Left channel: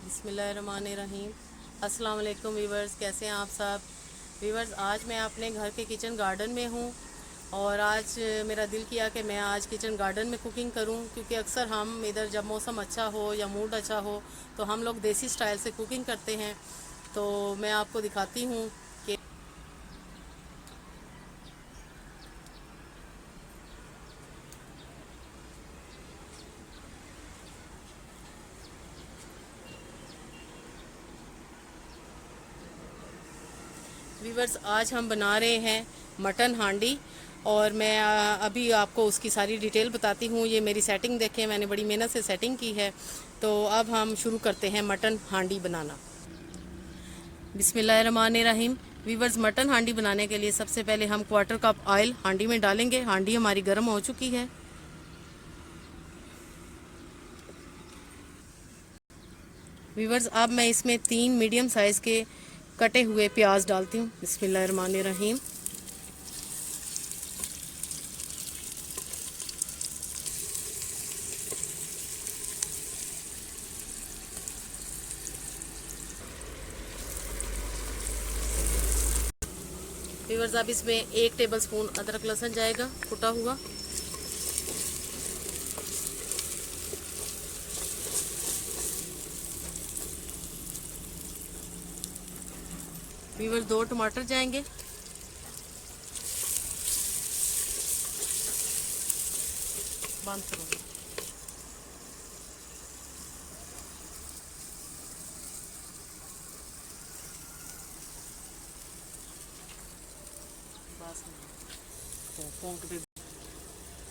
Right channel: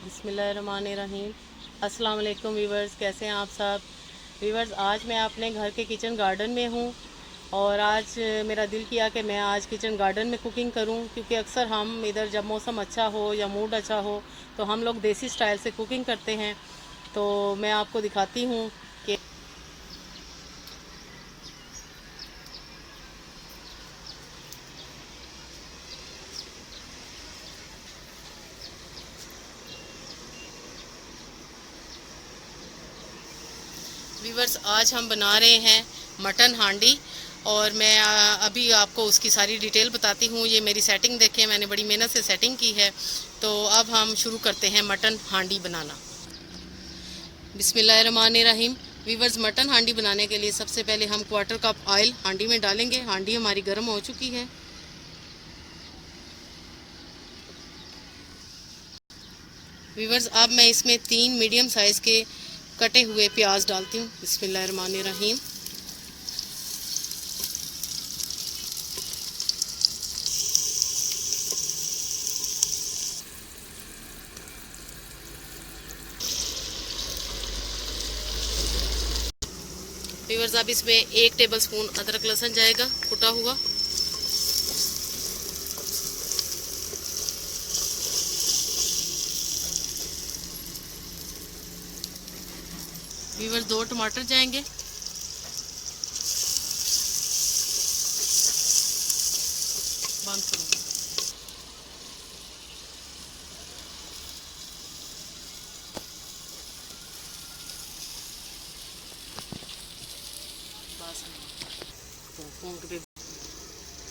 बिस्मिल्लाहिर्रहमानिर्रहीम। अस्सलाम वालेकुम वीवर्स, कैसे हैं आप सब वीवर्स। आज मैं अपने घर के किचन गार्डन में हूँ और आज मेरा दिल किया कि मैं आज किचन गार्डन में कुकिंग करूँ, क्योंकि अक्सर हम इधर जब मौसम अच्छा हो या मूड अच्छा हो तो हम लोग देसी स्टाइल से कुकिंग करते हैं। तो मैं आपको दिखाती हूँ कि वीवर्स आज हम बना रहे हैं मटन हांडी। और मैं अभी आपको उसकी सारी डिटेल बताती हूँ। ये मेरी सेटिंग देखें, मैंने बड़ी मेहनत से सेटिंग की है। तो अब हम शुरू करते हैं मटन हांडी बनाना। बिस्मिल्लाहिर्रहमानिर्रहीम। वीवर्स, मटन हांडी बनाने के लिए सबसे पहले हम क्वार्टर कप ऑयल हांडी में डालेंगे। हांडी हमारी गर्म हो चुकी है। वीवर्स, अब मैं इसमें 3 मीडियम साइज़ के कटे हुए प्याज डालती हूँ। बिस्मिल्लाहिर्रहमानिर्रहीम। वीवर्स, अब इसमें 1 टेबल स्पून अदरक लहसुन जाएगा कुटा हुआ। वीवर्स, 2 टमाटर जाएंगे। बंद करूँगा।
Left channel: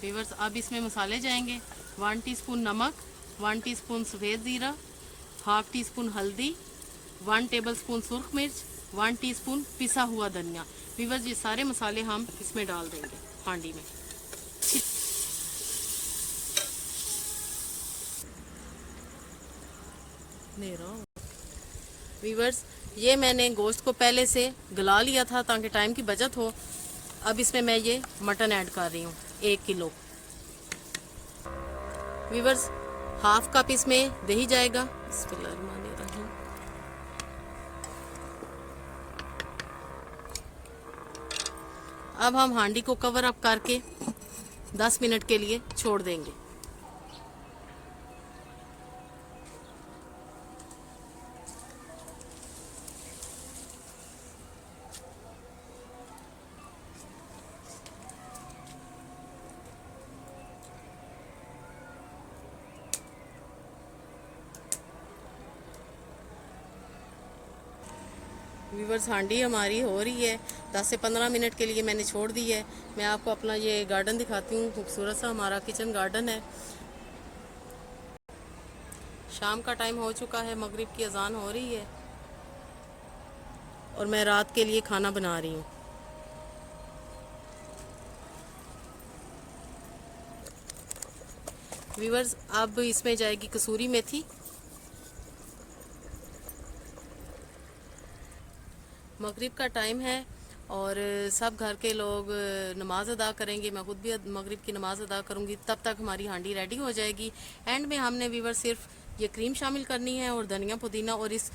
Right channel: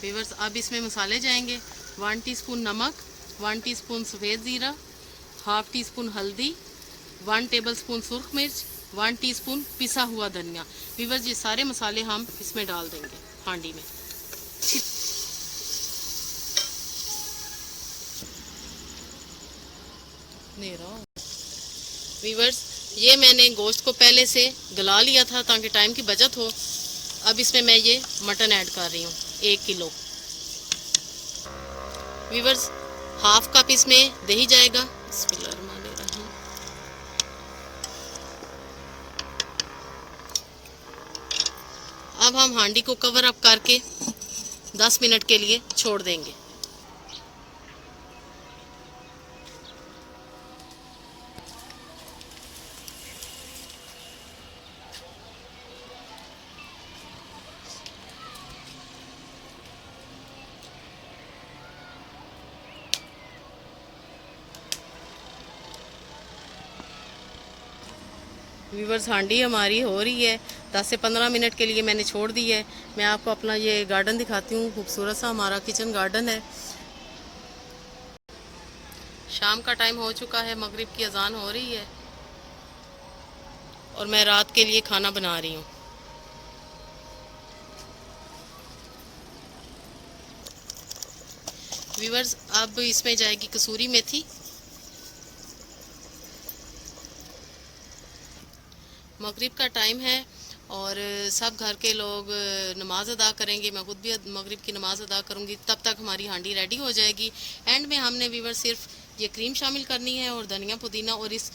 वीवर्स, अब इसमें मसाले जाएंगे। 1 टीस्पून नमक, 1 टीस्पून सफ़ेद ज़ीरा, हाफ टी स्पून हल्दी, 1 टेबल स्पून सुरख मिर्च, 1 टीस्पून पिसा हुआ धनिया। वीवर्स, ये सारे मसाले हम इसमें डाल देंगे हांडी में। नहीं रहा वीवर्स, ये मैंने गोश्त को पहले से गला लिया था ताकि टाइम की बचत हो। अब इसमें मैं ये मटन ऐड कर रही हूँ 1 किलो। वीवर्स, हाफ कप इसमें दही जाएगा। बिस्मिल्लाहिर्रहमानिर्रहीम। अब हम हांडी को कवर अप करके 10 मिनट के लिए छोड़ देंगे। वीवर्स, हांडी हमारी हो रही है। 10 से 15 मिनट के लिए मैंने छोड़ दी है। मैं आपको अपना ये गार्डन दिखाती हूँ। खूबसूरत सा हमारा किचन गार्डन है। शाम का टाइम हो चुका है, मगरिब की अजान हो रही है और मैं रात के लिए खाना बना रही हूँ। वीवर्स, अब इसमें जाएगी कसूरी मेथी। मगरिब का टाइम है और सब घर के लोग नमाज़ अदा करेंगे। मैं खुद भी मगरिब की नमाज़ अदा करूँगी। तब तक हमारी हांडी रेडी हो जाएगी। एंड में हमने वीवर सिर्फ ये क्रीम शामिल करनी है और धनिया पुदीना, और इस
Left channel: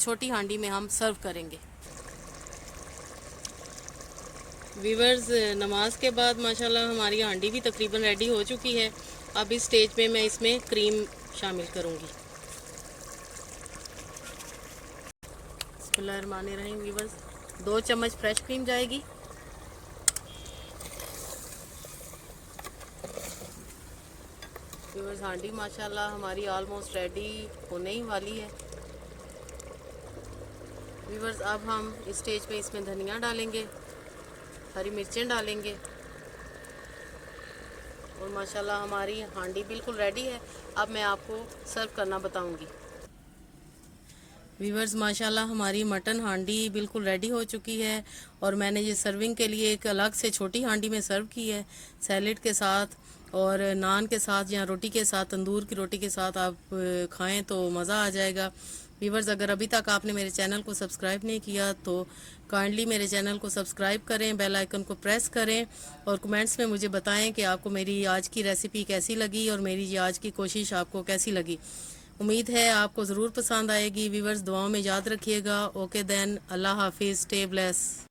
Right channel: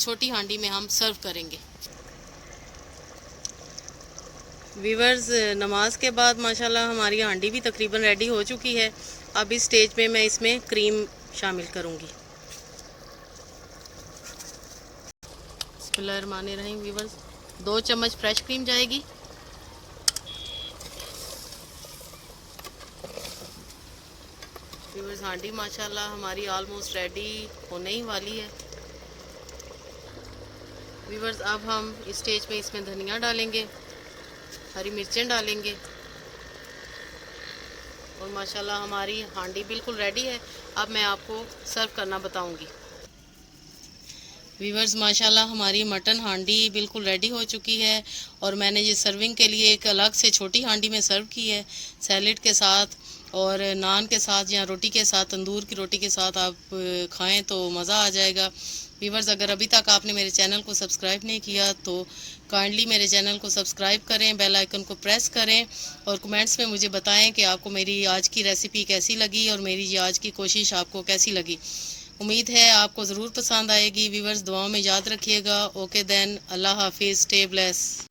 छोटी हांडी में हम सर्व करेंगे। वीवर्स, नमाज के बाद माशाल्लाह हमारी हांडी भी तकरीबन रेडी हो चुकी है। अब इस स्टेज पे मैं इसमें क्रीम शामिल करूँगी। बिस्मिल्लाहिर्रहमानिर्रहीम। वीवर्स, 2 चम्मच फ्रेश क्रीम जाएगी। वीवर्स, हांडी माशाल्लाह हमारी ऑलमोस्ट रेडी होने ही वाली है। वीवर्स, अब हम इस स्टेज पे इसमें धनिया डालेंगे, हरी मिर्चें डालेंगे और माशाल्लाह हमारी हांडी बिल्कुल रेडी है। अब मैं आपको सर्व करना बताऊंगी। वीवर्स, माशाल्लाह हमारी मटन हांडी बिल्कुल रेडी हो चुकी है और मैंने ये सर्विंग के लिए एक अलग से छोटी हांडी में सर्व की है। सैलेड के साथ और नान के साथ या रोटी के साथ, तंदूर की रोटी के साथ आप खाएं तो मज़ा आ जाएगा। वीवर्स, अगर अभी तक आपने मेरे चैनल को सब्सक्राइब नहीं किया तो काइंडली मेरे चैनल को सब्सक्राइब करें, बेल आइकन को प्रेस करें और कमेंट्स में मुझे बताएं कि आपको मेरी आज की रेसिपी कैसी लगी और मेरी ये आज की कोशिश आपको कैसी लगी। उम्मीद है आपको ज़रूर पसंद आएगी। व्यूअर्स दुआओं में याद रखिएगा। ओके देन, अल्लाह हाफिज़, स्टे ब्लेस।